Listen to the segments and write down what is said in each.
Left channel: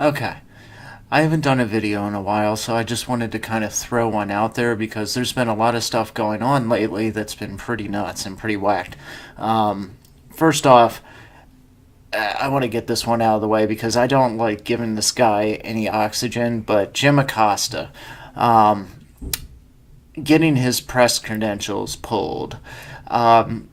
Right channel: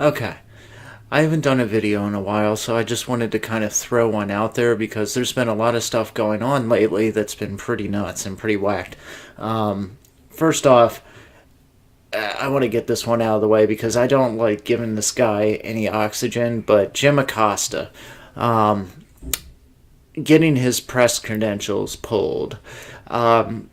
Okay. I haven't done a video in a while, so I just wanted to kind of throw one out there because there's been a lot of stuff going on lately that's been pretty nuts and pretty whacked. First off, I want to get this one out of the way because I don't like giving this guy any oxygen, but Jim Acosta, getting his press credentials pulled.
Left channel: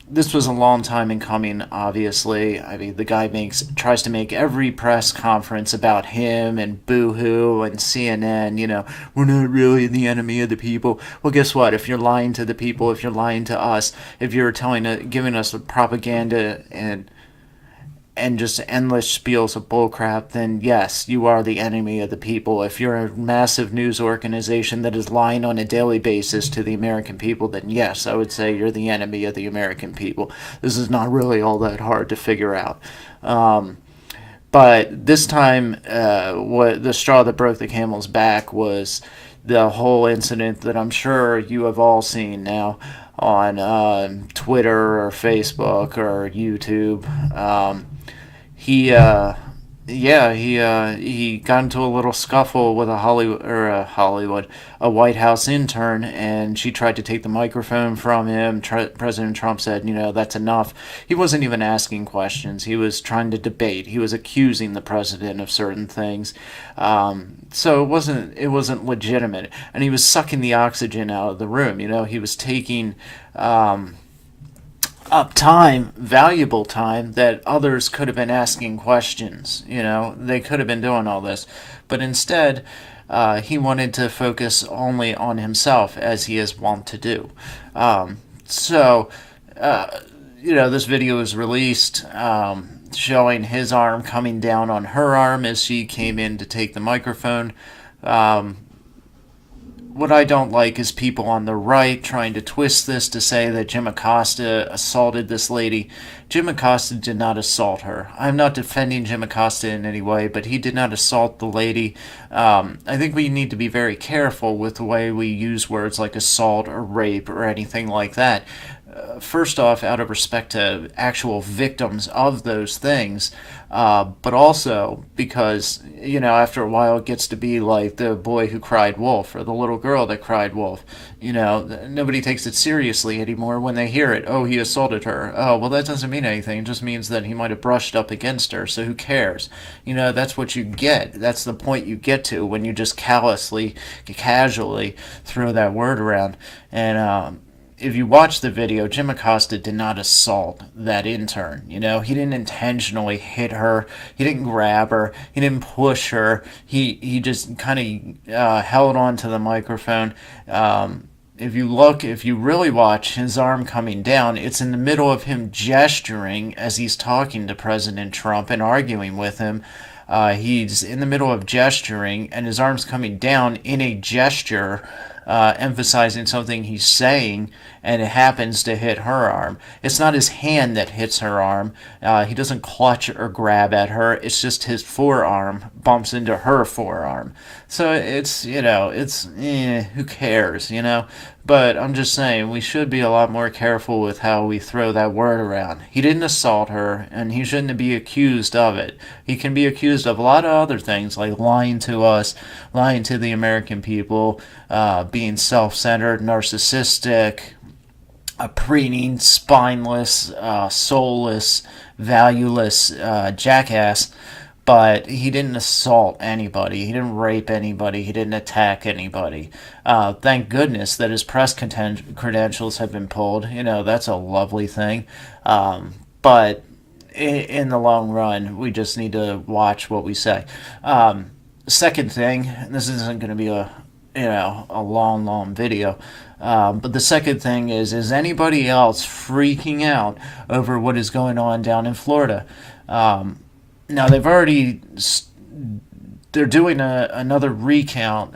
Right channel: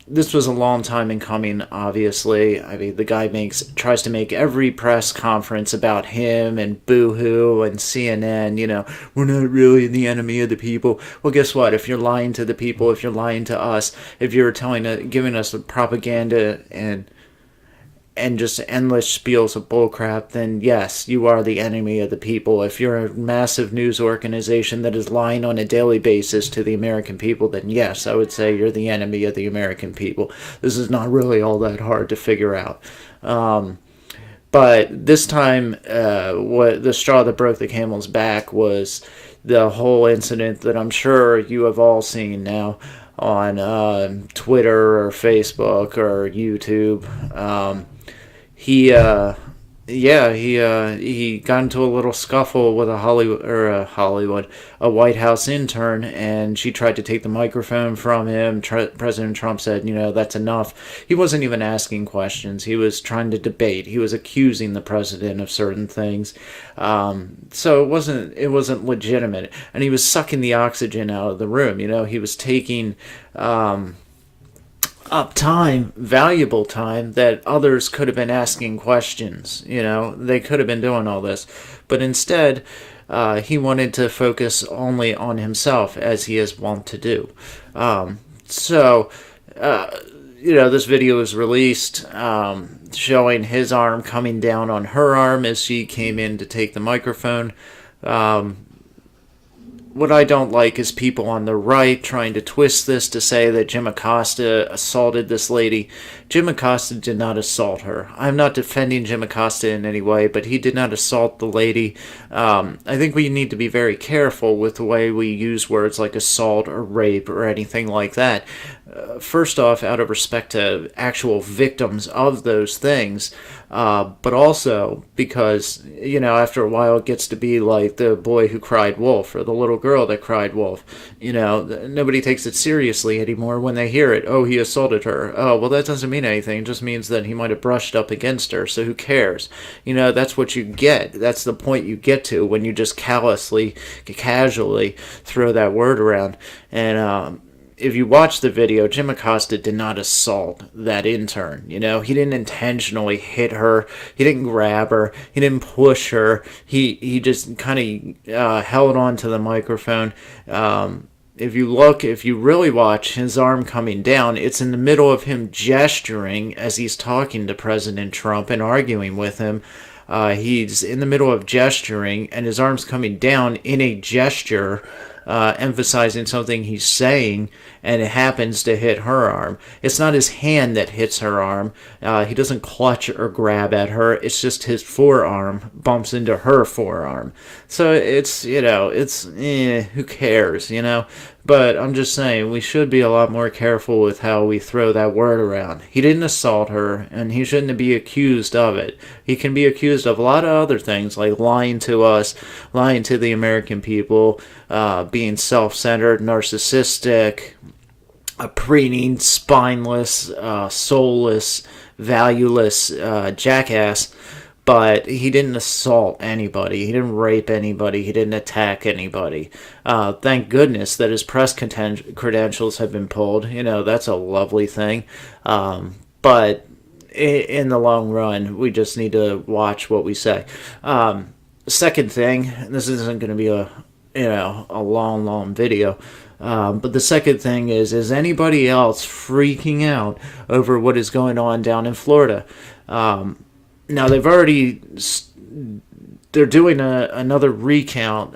This was a long time in coming, obviously. I mean, the guy tries to make every press conference about him and Boohoo and CNN. We're not really the enemy of the people. Well, guess what? If you're lying to the people, if you're lying to us, if you're giving us propaganda and just endless spiels of bullcrap, then yes, you are the enemy of the people. If you're a massive news organization that is lying on a daily basis to the American people, then yes, I would say you're the enemy of the American people. This is not really all that hard to figure out. But this time, what the straw that broke the camel's back was the whole incident that I'm sure you have all seen now on Twitter or Facebook or YouTube. He yeah, he got into a little scuffle with a White House intern, and she tried to take the microphone from him. President Trump said, that's enough. He wasn't even asking questions. He was trying to debate. He was accusing the president of certain things. So it wasn't legitimate, and he was sucking the oxygen out of the room. He was taking up time, valuable time, that others could have been asking questions. They could have been doing all this. But instead, he wanted to focus only on himself, as he is wont to do. So, this video was released showing his arm coming down on her arm as she came in to take the microphone. What I don't like is people on the right trying to twist this to say that Jim Acosta assaulted this lady. Jim Acosta did not assault her. I'm not defending Jim Acosta in any way, but he did not assault the lady. I think we need to be very careful with the way we use words like assault or rape or anything like that. First off, out of respect to actual victims of those things, but also because, after a while it gets to be like the boy who cried wolf or the little girl that cried wolf. Nobody takes it seriously anymore when they hear it. Oh, he assaulted her. Oh, well, that doesn't mean anything. It just means that he might have brushed up against her, so who cares? That's what you get. That's the point you get to when you just casually throw that word around. And, if you watch the video, Jim Acosta did not assault that intern. He didn't intentionally hit her. He didn't grab her. He didn't push her. He just kind of held on to the microphone. If you really watch his arm coming down, it's in the middle of him gesturing as he's talking to President Trump and arguing with him. He's in the middle of gesturing, and his arm's coming down in a gesture, emphasizing something he's saying, and it happens to hit her arm. It's not his hand that hits her arm. He doesn't clutch or grab at her. It's just his forearm bumps into her forearm. So who cares, But I'm just saying, we should be a lot more careful with how we throw that word around. He didn't assault her, and he shouldn't be accused of it. He can be accused of a lot of other things, like lying to us, lying to the American people, being self-centered, narcissistic, a preening, spineless, soulless, valueless jackass. But he didn't assault anybody. He didn't rape anybody. He didn't attack anybody. Thank goodness that his press credentials have been pulled. That's a lovely thing. But in the long run, we just need to watch what we say. Second thing, this isn't going to be a long video. But the second thing is anybody else freaking out over what is going on down in Florida? Now they're doing another recount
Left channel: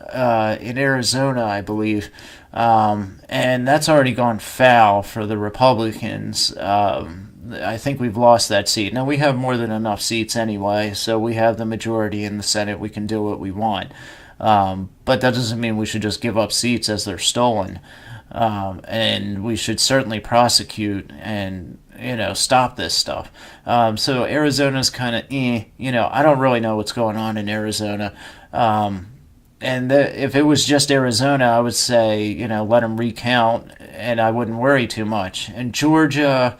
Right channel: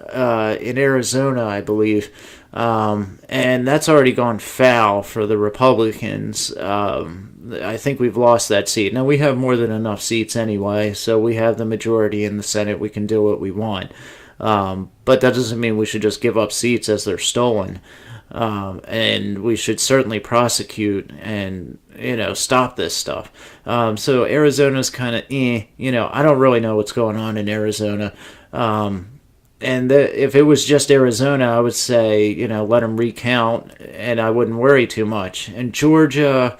in Arizona, I believe, and that's already gone foul for the Republicans. I think we've lost that seat. Now, we have more than enough seats anyway, so we have the majority in the Senate. We can do what we want. But that doesn't mean we should just give up seats as they're stolen. and we should certainly prosecute and stop this stuff. So Arizona's kind of I don't really know what's going on in Arizona. And if it was just Arizona, I would say, let them recount, and I wouldn't worry too much. In Georgia,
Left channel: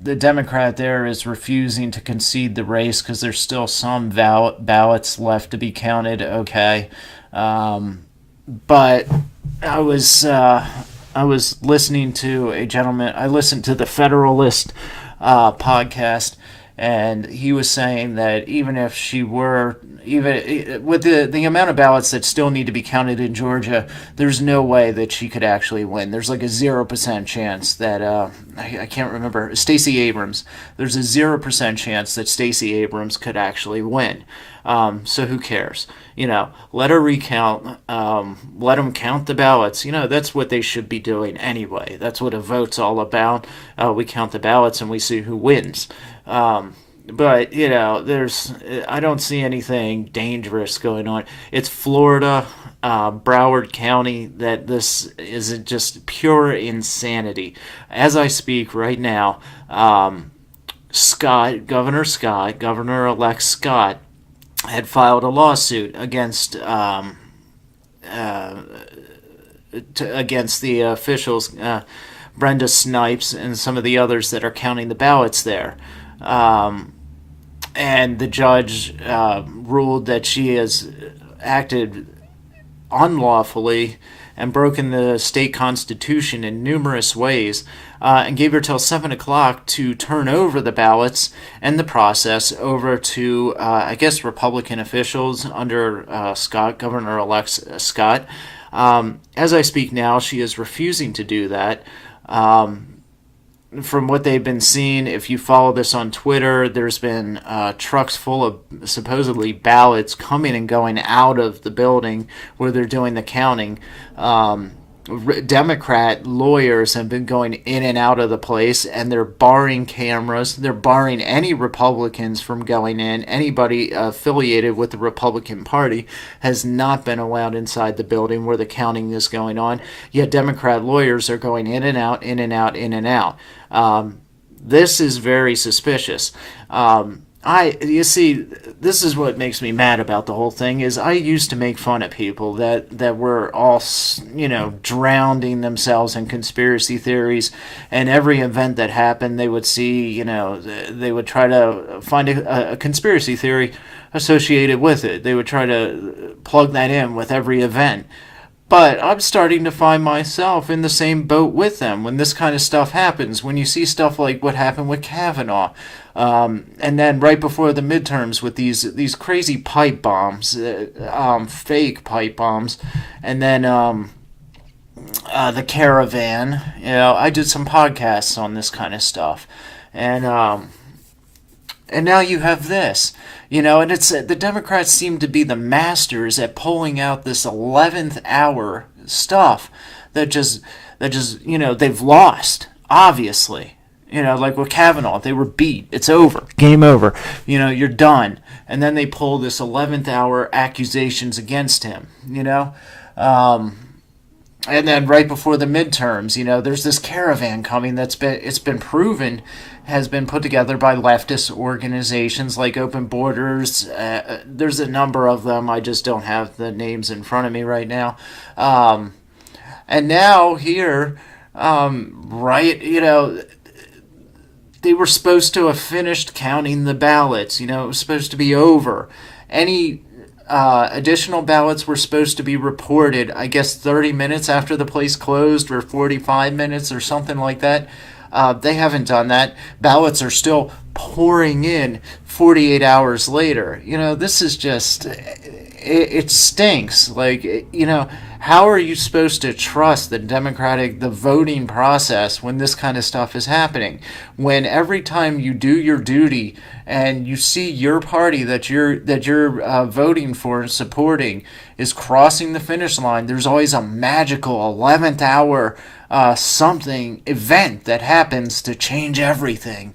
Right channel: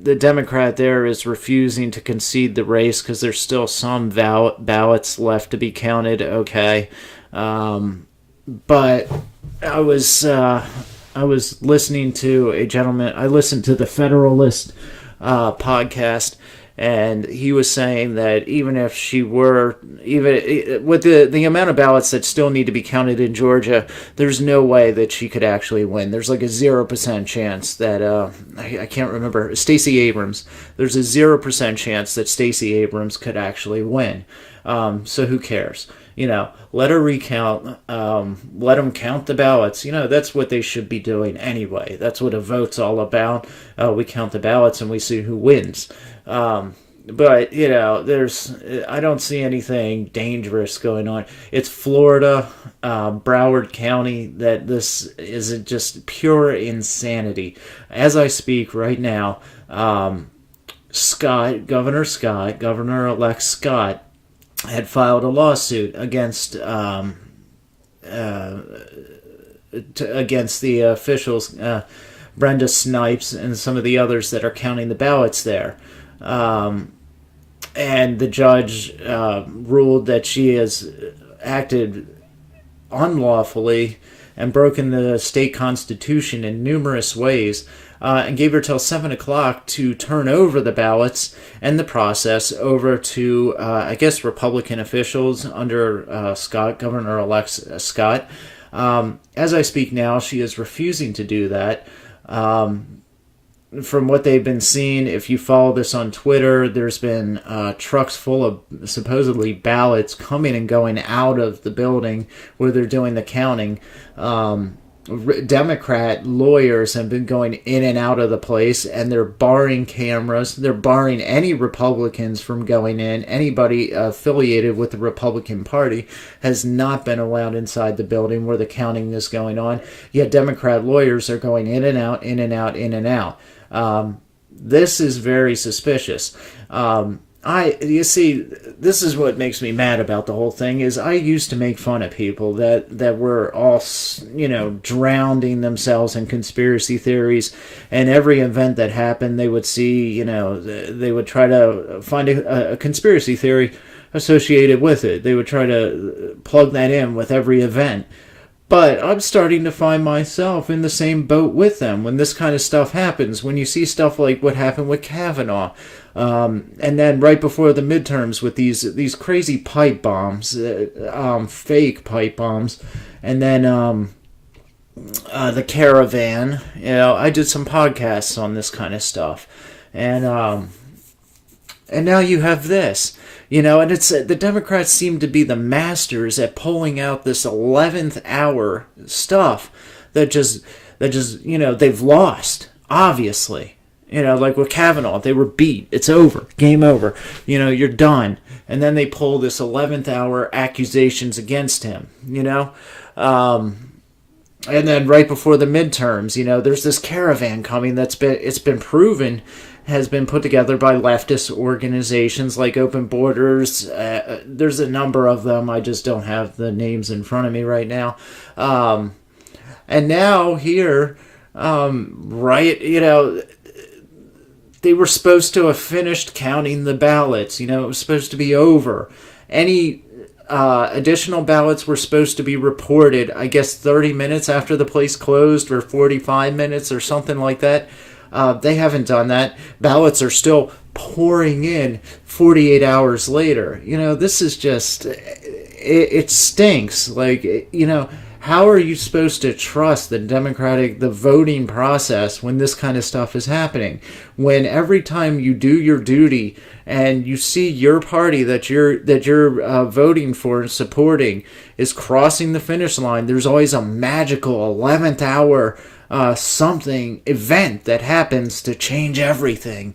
the Democrat there is refusing to concede the race because there's still some ballots left to be counted. Okay, but I was listening to a gentleman. I listened to the Federalist podcast, and he was saying that even if she were, even with the amount of ballots that still need to be counted in Georgia, there's no way that she could actually win. There's like a 0% chance that, I can't remember, Stacey Abrams, there's a 0% chance that Stacey Abrams could actually win. So who cares? Let her recount, let them count the ballots. That's what they should be doing anyway. That's what a vote's all about. We count the ballots and we see who wins. But I don't see anything dangerous going on. It's Florida, Broward County, that this is just pure insanity. As I speak right now, Governor-elect Scott, had filed a lawsuit against against the officials, Brenda Snipes and some of the others that are counting the ballots there. And the judge ruled that she has acted unlawfully and broken the state constitution in numerous ways, and gave her till 7 o'clock to turn over the ballots and the process over to, I guess, Republican officials under Governor-elect Scott. As I speak now, she is refusing to do that. From what they've been seeing, if you follow this on Twitter, there's been trucks full of supposedly ballots coming and going out of the building where they're doing the counting. Democrat lawyers have been going in and out of the place, and they're barring cameras. They're barring any Republicans from going in. Anybody affiliated with the Republican Party has not been allowed inside the building where the counting is going on. Yet Democrat lawyers are going in and out, in and out, in and out. This is very suspicious. You see, this is what makes me mad about the whole thing, is I used to make fun of people that were all, drowning themselves in conspiracy theories, and every event that happened, they would see, they would try to find a conspiracy theory associated with it. They would try to plug that in with every event. But I'm starting to find myself in the same boat with them when this kind of stuff happens. When you see stuff like what happened with Kavanaugh, and then right before the midterms with these crazy pipe bombs, fake pipe bombs, and then the caravan. I did some podcasts on this kind of stuff, and now you have this. And it's the Democrats seem to be the masters at pulling out this 11th hour stuff that just they've lost, obviously. Like with Kavanaugh, they were beat. It's over. Game over. You're done. And then they pull this 11th hour accusations against him, and then right before the midterms, there's this caravan coming it's been proven has been put together by leftist organizations like Open Borders. There's a number of them. I just don't have the names in front of me right now. And now here, they were supposed to have finished counting the ballots. It was supposed to be over. Any additional ballots were supposed to be reported, I guess, 30 minutes after the place closed, or 45 minutes or something like that. They haven't done that. Ballots are still pouring in 48 hours later. This is just, it stinks. How are you supposed to trust the voting process when this kind of stuff is happening? When every time you do your duty and you see your party that you're voting for and supporting is crossing the finish line, there's always a magical 11th hour something event that happens to change everything.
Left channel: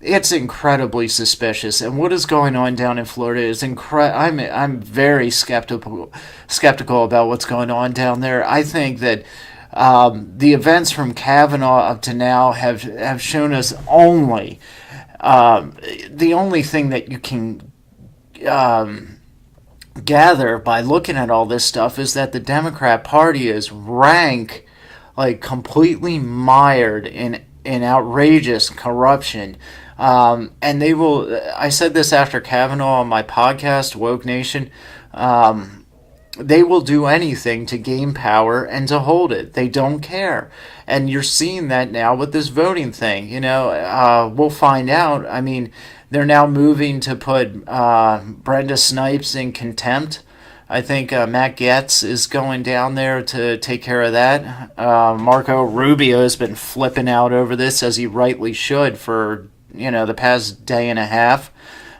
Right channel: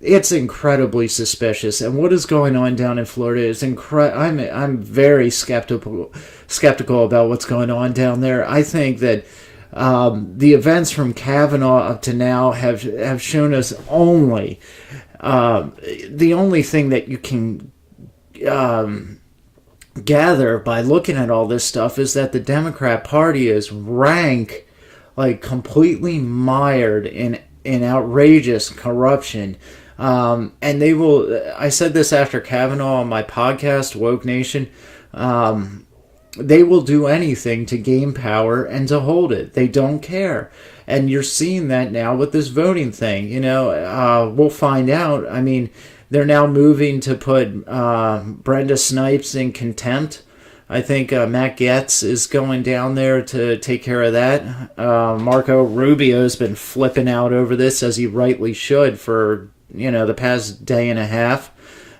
It's incredibly suspicious, and what is going on down in Florida is I'm very skeptical about what's going on down there. I think that the events from Kavanaugh up to now have shown us the only thing that you can gather by looking at all this stuff is that the Democrat Party is like completely mired in outrageous corruption. And they will, I said this after Kavanaugh on my podcast, Woke Nation, they will do anything to gain power and to hold it. They don't care. And you're seeing that now with this voting thing. We'll find out. I mean, they're now moving to put Brenda Snipes in contempt. I think Matt Gaetz is going down there to take care of that. Marco Rubio has been flipping out over this, as he rightly should, for the past day and a half.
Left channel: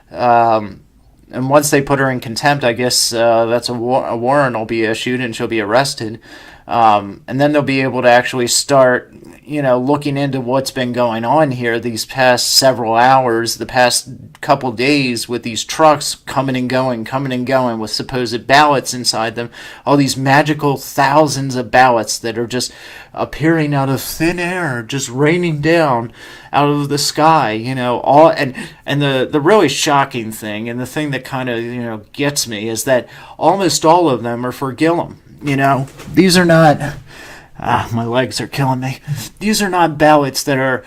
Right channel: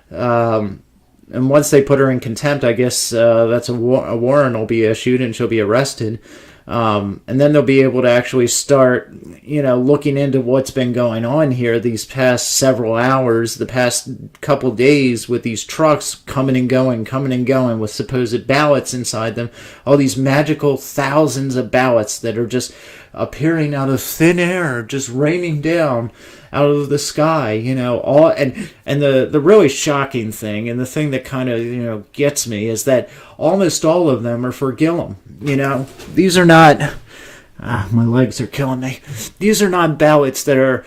And once they put her in contempt, I guess that's a warrant will be issued and she'll be arrested. And then they'll be able to actually start, looking into what's been going on here these past several hours, the past couple days, with these trucks coming and going with supposed ballots inside them. All these magical thousands of ballots that are just appearing out of thin air, just raining down out of the sky, and the really shocking thing, and the thing that kind of gets me, is that almost all of them are for Gillum. These are not, my legs are killing me. These are not ballots that are,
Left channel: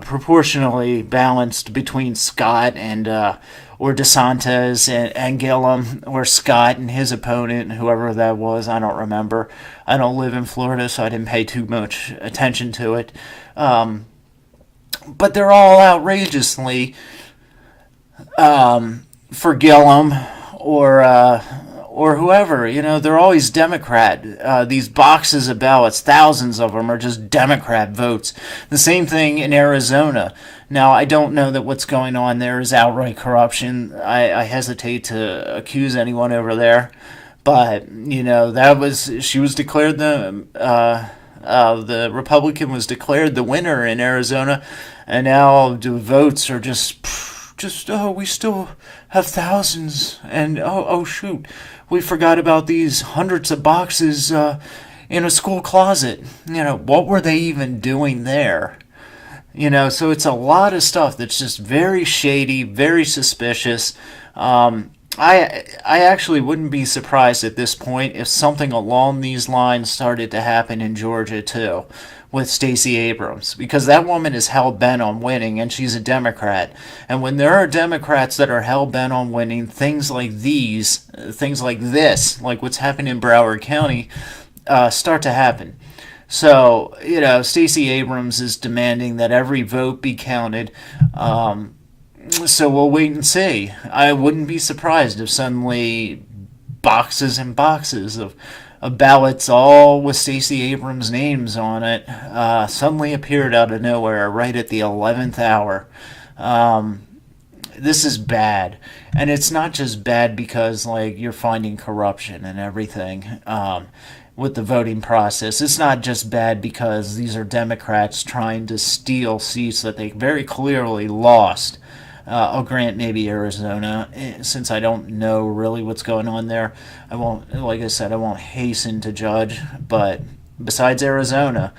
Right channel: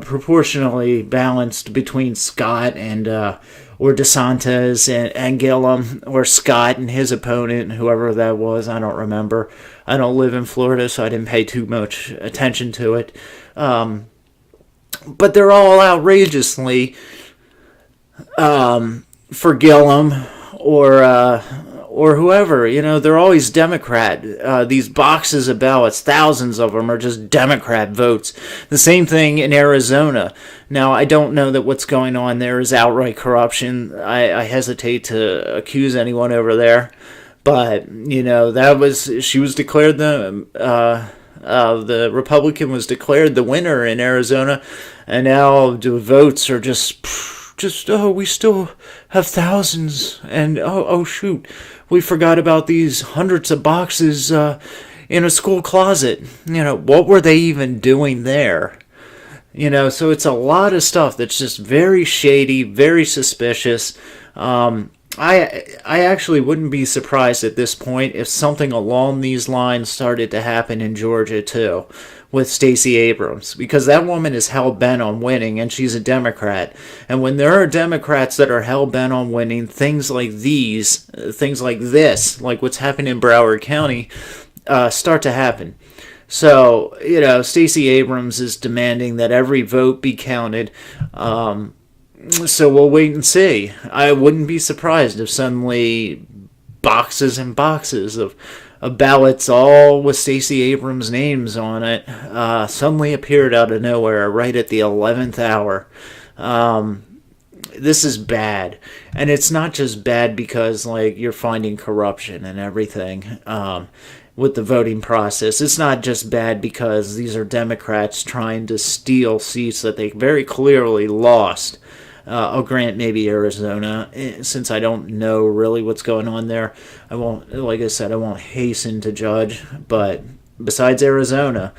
proportionally balanced between Scott and, or DeSantis and Gillum, or Scott and his opponent, whoever that was. I don't remember. I don't live in Florida, so I didn't pay too much attention to it. But they're all outrageously for Gillum or whoever. They're always Democrat. These boxes of ballots, thousands of them, are just Democrat votes. The same thing in Arizona. Now, I don't know that what's going on there is outright corruption. I hesitate to accuse anyone over there. But, she was declared the Republican was declared the winner in Arizona, and now the votes are just we still have thousands, and oh shoot, we forgot about these hundreds of boxes in a school closet. What were they even doing there? So it's a lot of stuff that's just very shady, very suspicious. I actually wouldn't be surprised at this point if something along these lines started to happen in Georgia too, with Stacey Abrams, because that woman is hell-bent on winning, and she's a Democrat. And when there are Democrats that are hell-bent on winning, things like this, like what's happened in Broward County, start to happen. So, Stacey Abrams is demanding that every vote be counted. So we'll wait and see. I wouldn't be surprised if suddenly boxes and boxes of ballots, all with Stacey Abrams' names on it, suddenly appeared out of nowhere right at the 11th hour. This is bad. And it's not just bad because, you're finding corruption and everything with the voting process. It's not just bad because these are Democrats trying to steal seats that they very clearly lost. I'll grant maybe Arizona, since I don't know really what's going on there. I won't hasten to judge. But besides Arizona,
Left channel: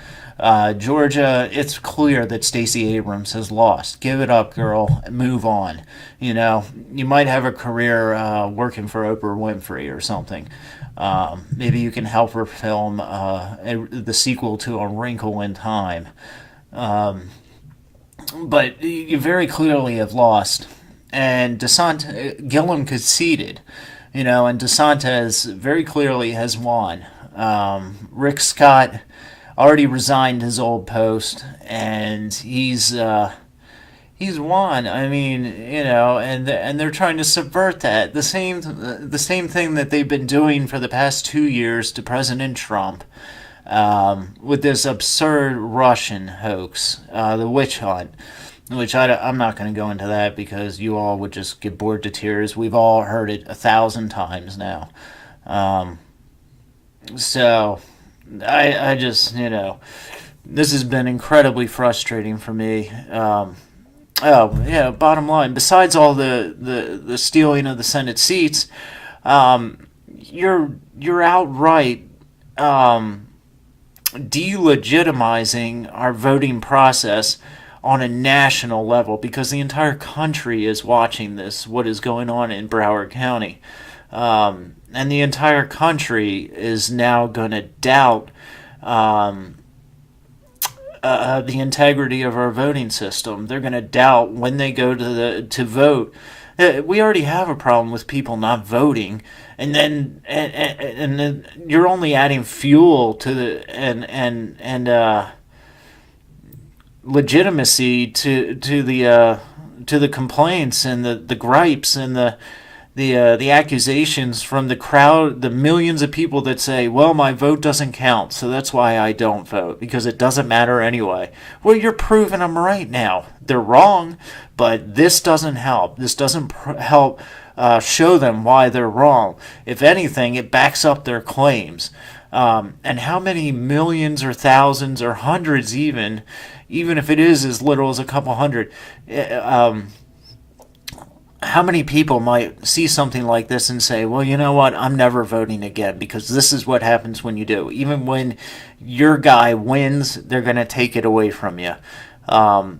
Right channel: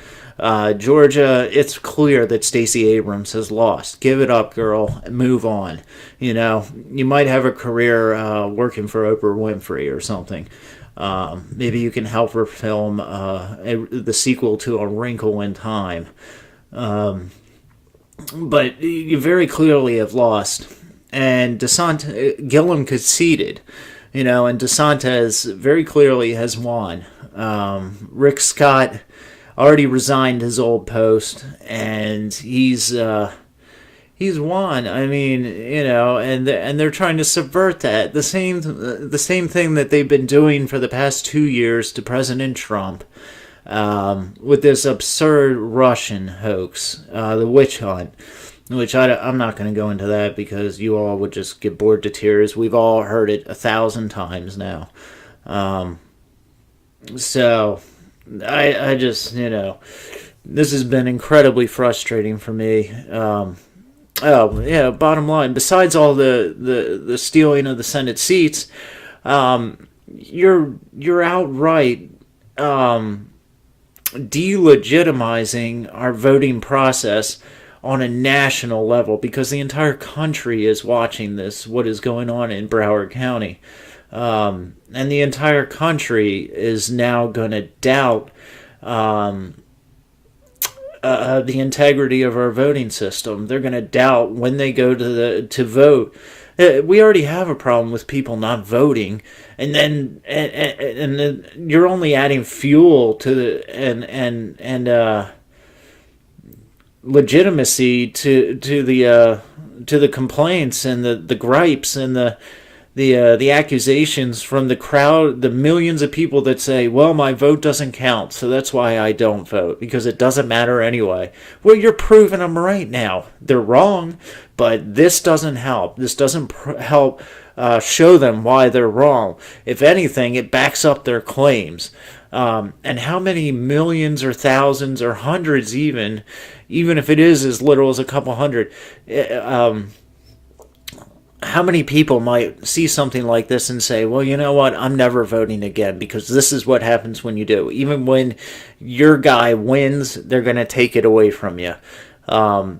Georgia, it's clear that Stacey Abrams has lost. Give it up, girl. Move on. You might have a career working for Oprah Winfrey or something. Maybe you can help her film the sequel to A Wrinkle in Time. But you very clearly have lost. And Gillum conceded, and DeSantis very clearly has won. Rick Scott already resigned his old post, and he's won. I mean, and they're trying to subvert that. The same thing that they've been doing for the past 2 years to President Trump. With this absurd Russian hoax, the witch hunt, which I'm not going to go into that because you all would just get bored to tears. We've all heard it 1,000 times now. So I just, this has been incredibly frustrating for me. Oh, yeah, bottom line, besides all the stealing of the Senate seats, you're outright delegitimizing our voting process on a national level, because the entire country is watching this, what is going on in Broward County. And the entire country is now going to doubt the integrity of our voting system. They're going to doubt when they go to vote. We already have a problem with people not voting, and then you're only adding fuel to the and legitimacy to the complaints and the gripes and the accusations from the crowd, the millions of people that say, well, my vote doesn't count, so that's why I don't vote, because it doesn't matter anyway. Well, you're proving them right now. They're wrong, but this doesn't help. This doesn't help show them why they're wrong. If anything, it backs up their claims. And how many millions or thousands or hundreds even if it is as little as a couple hundred, how many people might see something like this and say, well, you know what, I'm never voting again, because this is what happens when you do. Even when your guy wins, they're going to take it away from you.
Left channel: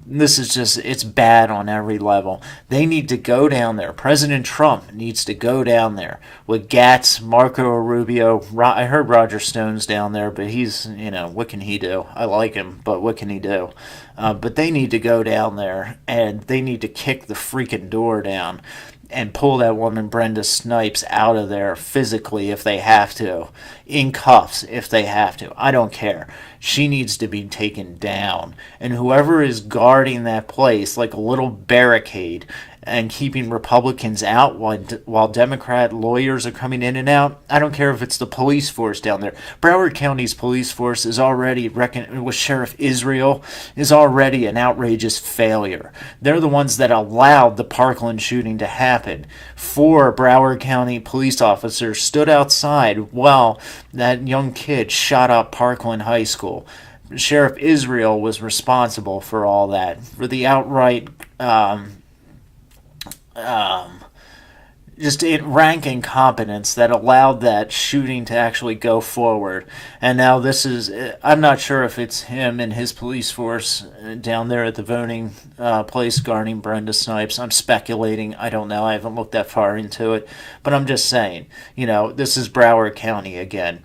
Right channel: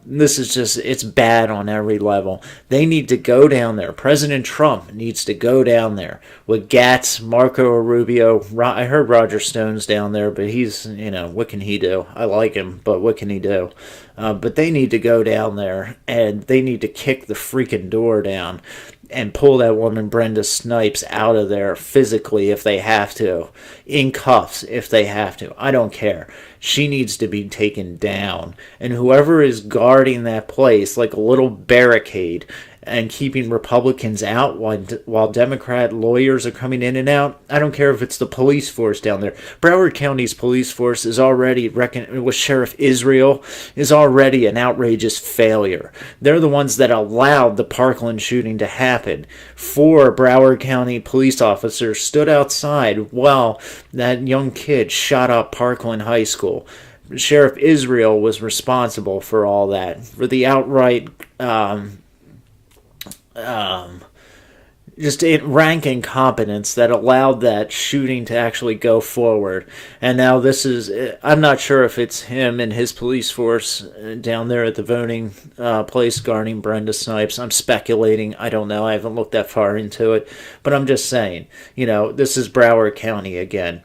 This is just, it's bad on every level. They need to go down there. President Trump needs to go down there with Gatz, Marco Rubio. I heard Roger Stone's down there, but he's, what can he do? I like him, but what can he do? But they need to go down there, and they need to kick the freaking door down and pull that woman Brenda Snipes out of there physically if they have to, in cuffs if they have to. I don't care. She needs to be taken down. And whoever is guarding that place like a little barricade and keeping Republicans out while Democrat lawyers are coming in and out, I don't care if it's the police force down there. Broward County's police force is already, with Sheriff Israel, is already an outrageous failure. They're the ones that allowed the Parkland shooting to happen. 4 Broward County police officers stood outside while that young kid shot up Parkland High School. Sheriff Israel was responsible for all that, for the outright just rank incompetence that allowed that shooting to actually go forward. And now this is, I'm not sure if it's him and his police force down there at the voting place guarding Brenda Snipes. I'm speculating. I don't know. I haven't looked that far into it. But I'm just saying, this is Broward County again.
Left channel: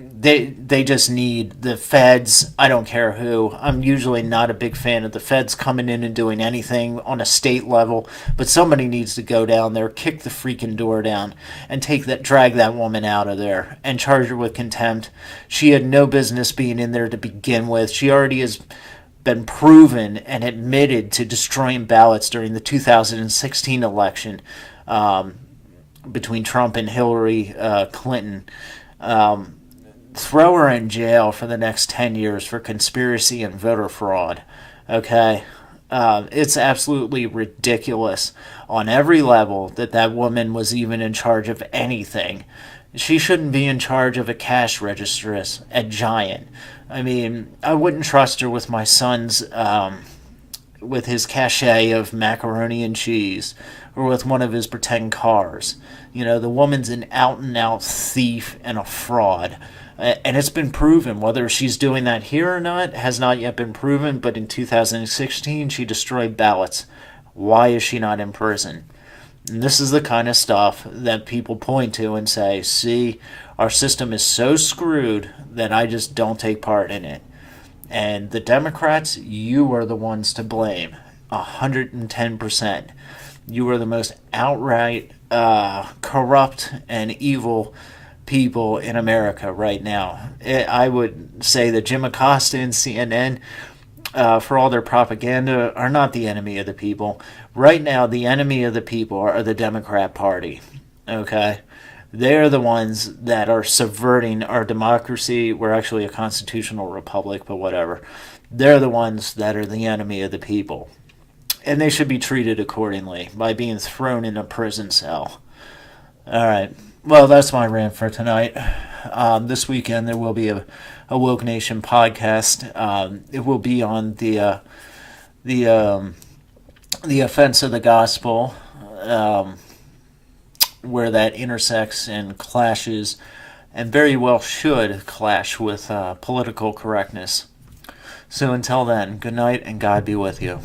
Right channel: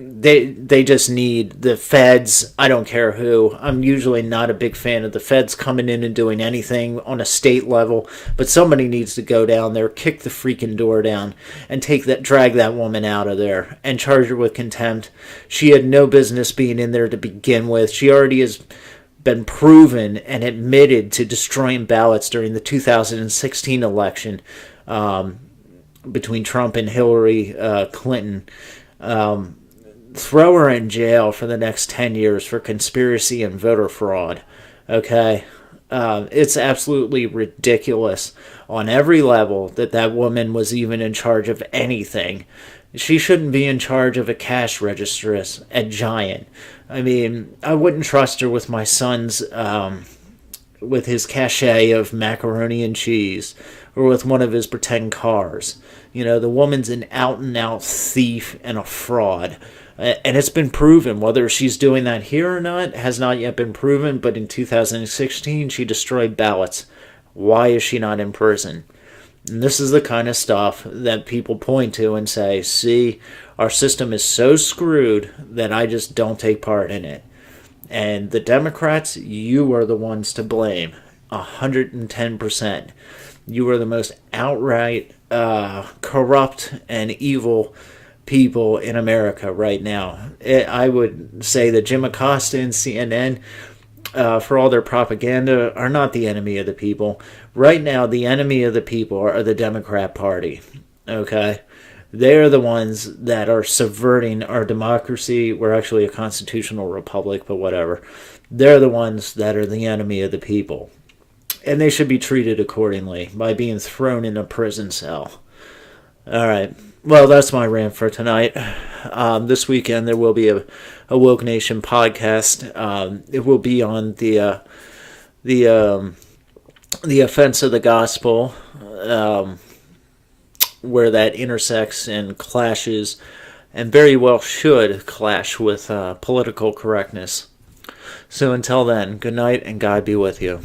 They just need the feds. I don't care who. I'm usually not a big fan of the feds coming in and doing anything on a state level, but somebody needs to go down there, kick the freaking door down, and drag that woman out of there and charge her with contempt. She had no business being in there to begin with. She already has been proven and admitted to destroying ballots during the 2016 election between Trump and Hillary Clinton. Throw her in jail for the next 10 years for conspiracy and voter fraud. Okay? It's absolutely ridiculous on every level that woman was even in charge of anything. She shouldn't be in charge of a cash register at Giant. I mean, I wouldn't trust her with my son's, with his cachet of macaroni and cheese, or with one of his pretend cars. The woman's an out-and-out thief and a fraud. And it's been proven. Whether she's doing that here or not has not yet been proven, but in 2016 she destroyed ballots. Why is she not in prison? And this is the kind of stuff that people point to and say, see, our system is so screwed that I just don't take part in it. And the Democrats, you are the ones to blame. 110%. You are the most outright corrupt and evil people in America right now. I would say that Jim Acosta and CNN, for all their propaganda, are not the enemy of the people. Right now, the enemy of the people are the Democrat Party. Okay? They're the ones that are subverting our democracy. We're actually a constitutional republic, but whatever. They're the ones that are the enemy of the people. And they should be treated accordingly by being thrown in a prison cell. All right. Well, that's my rant for tonight. This weekend there will be a Woke Nation podcast. It will be on the the offense of the gospel, where that intersects and clashes, and very well should clash with political correctness. So until then, good night and God be with you.